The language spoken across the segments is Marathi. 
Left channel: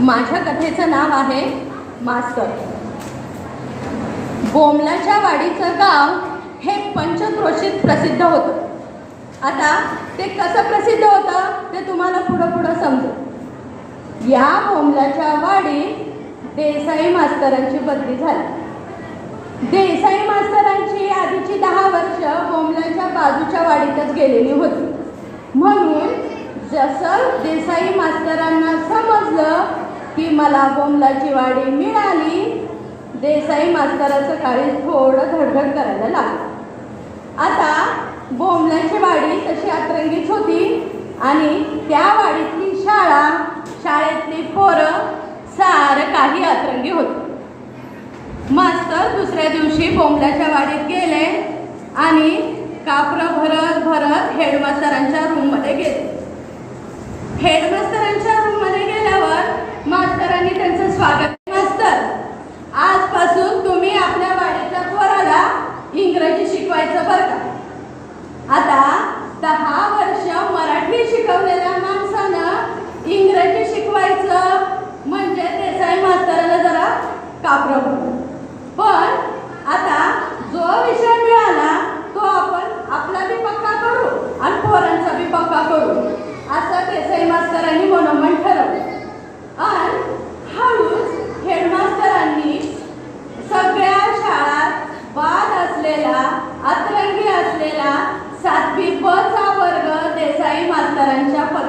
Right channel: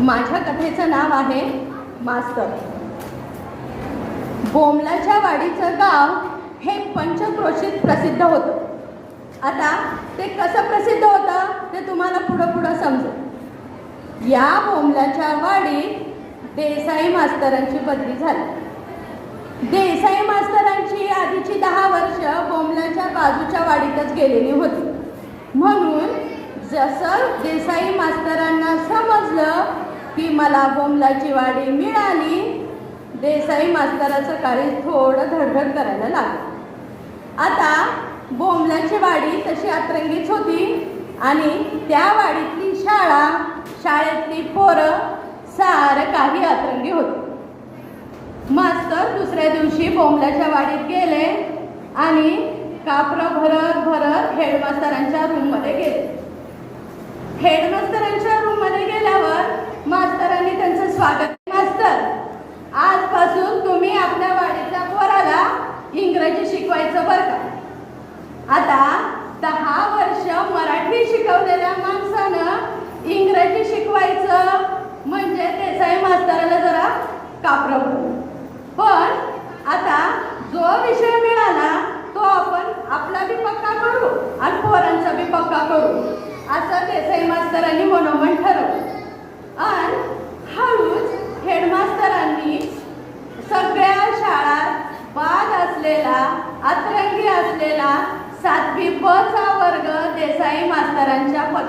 माझ्या कथेचं नाव आहे मास्तर बोमलाच्या वाडीचं गाव हे पंचक्रोशीत प्रसिद्ध होतं. आता ते कसं प्रसिद्ध होतं ते तुम्हाला पुढं पुढं समजेल. या बोमलाच्या वाडीत देसाई मास्तरांची बदली झाली. देसाई मास्तरांची आधीची दहा वर्ष बोमलाच्या बाजूच्या वाडीतच गेलेली होती. म्हणून जसं देसाई मास्तरांना की मला बोमलाची वाडी मिळाली. देसाई मास्तराचं काळी थोडं धडधड करायला लागलं. आता बोमलाची वाडी तशी अतरंगीच होती आणि त्या वाडीतली शाळा शाळेतली पोरं सारं काही अतरंगी होती. मास्तर दुसऱ्या दिवशी बोमलाच्या वाडीत गेले आणि कापरं भरत भरत हेडमास्तरांच्या रूममध्ये गेले. हेडमास्तरांच्या देसाई मास्तरांच्या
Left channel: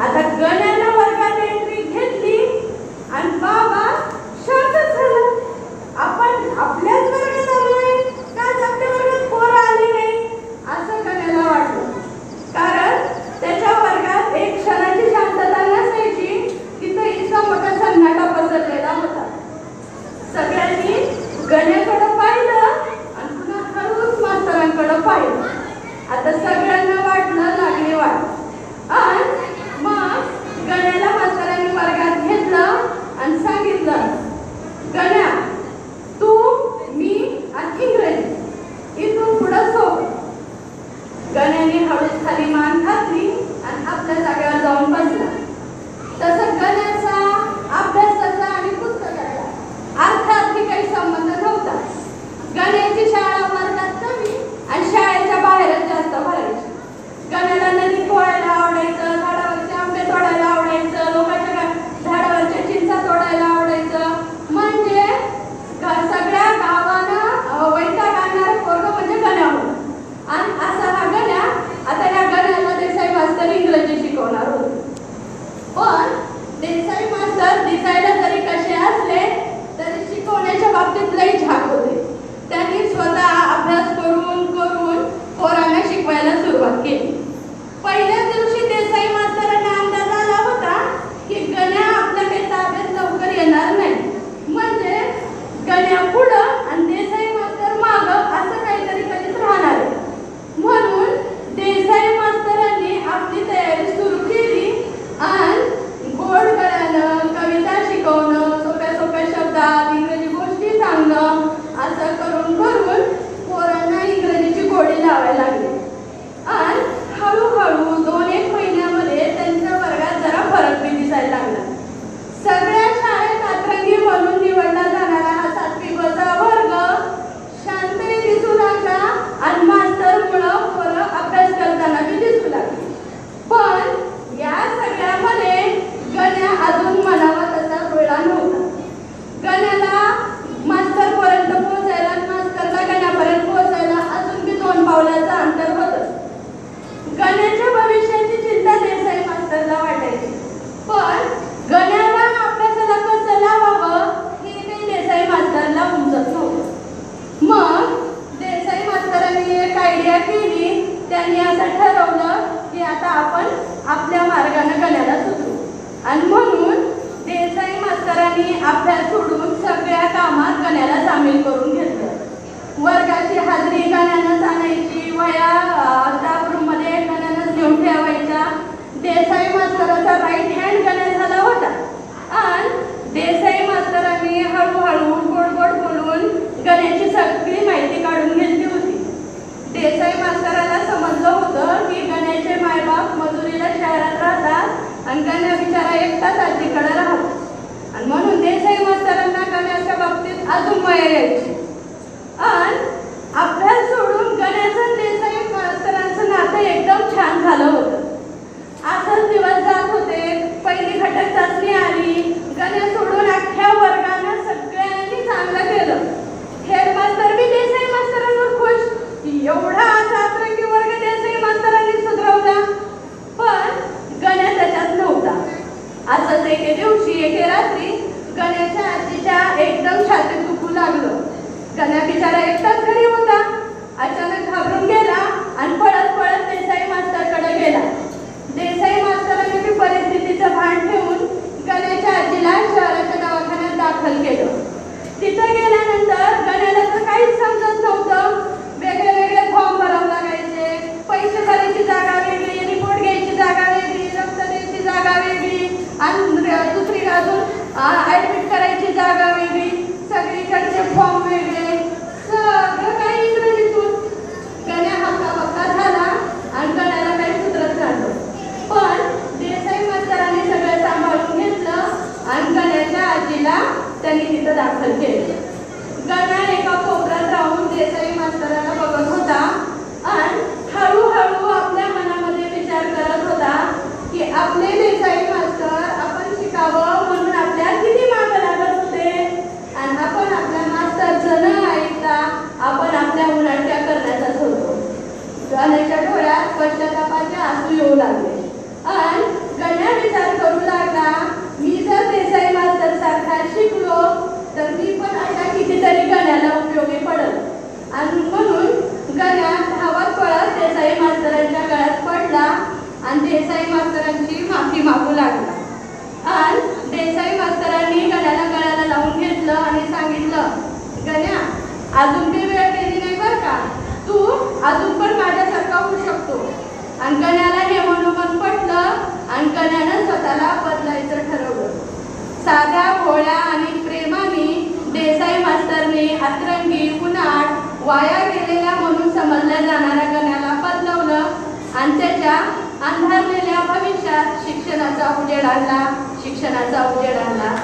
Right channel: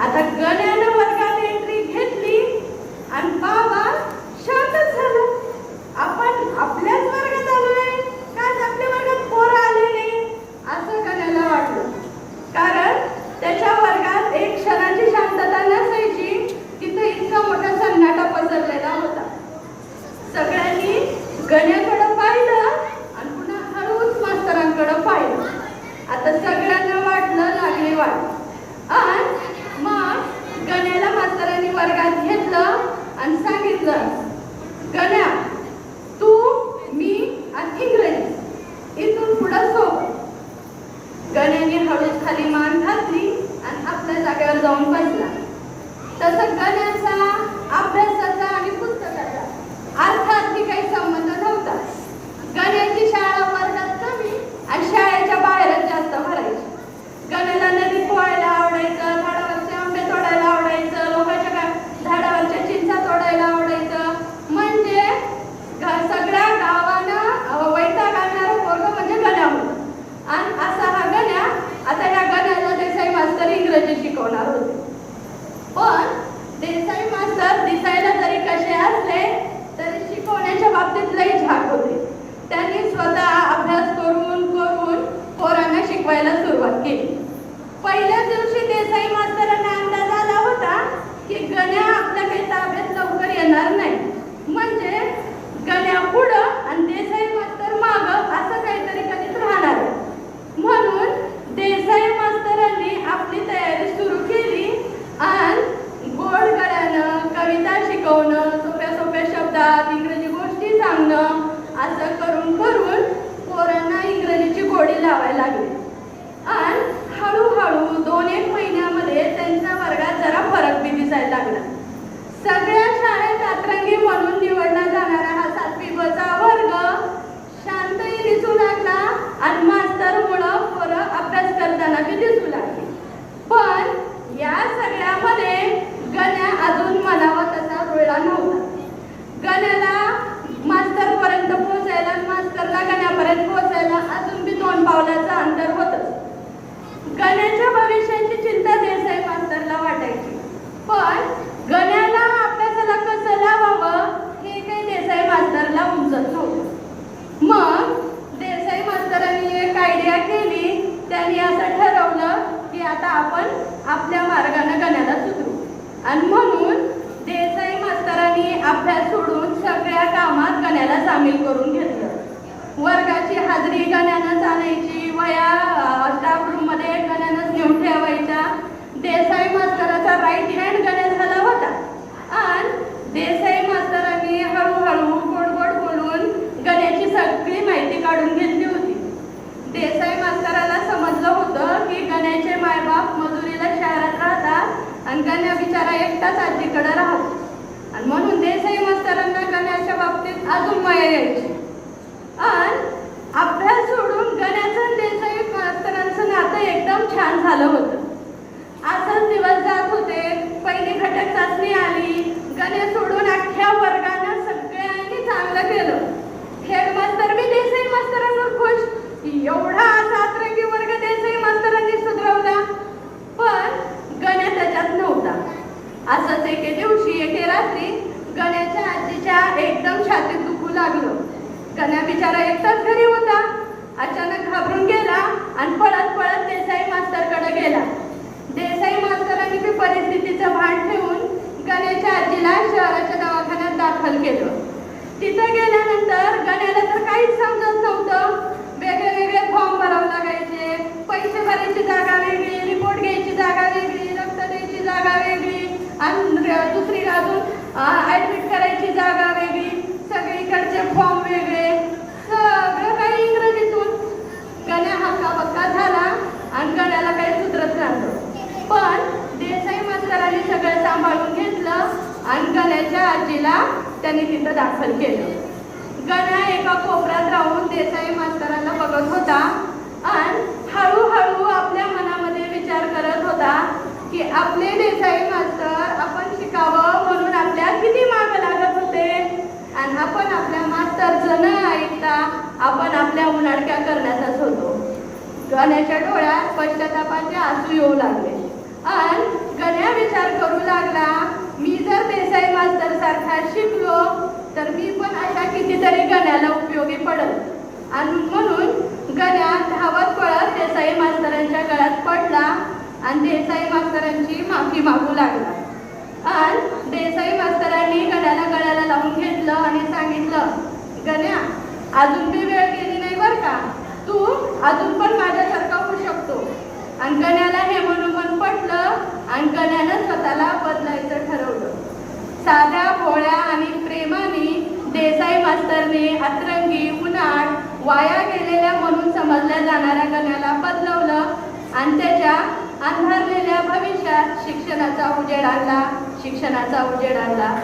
Atacciones. 第三个。एकटाच घरी होता. अचानक घाबरून गेला आणि पळत पळत देसाई मास्तरकडे गेला. देसाई मास्तरांनी परिस्थितीचं भान ठेवून गण्याच्या आजीला शहराच्या दवाखान्यात दाखल केलं. तिथं गेल्यानंतर गण्याला काहीच समजत नव्हतं. वेगळे वेगळे फॉर्म भरावं लागायचे. पैसे भरायची जागा वेगळी रिपोर्ट घ्यायची जागा वेगळी रक्त द्यायची जागा वेगळी. आणि दुसरी अजून ॲडमिट साध्या भोळ्या आणि प्रेमाने देसाई मास्तरने अतरंगी उन्हाळ वाया गेलेल्या म्हणून समजल्या जाणाऱ्या गण्याला पदलवलं आणि त्याच्या अंधारलेल्या भविष्यात शिक्षणाचा उजेड आणला शिक्षणाचा उजेड आणला.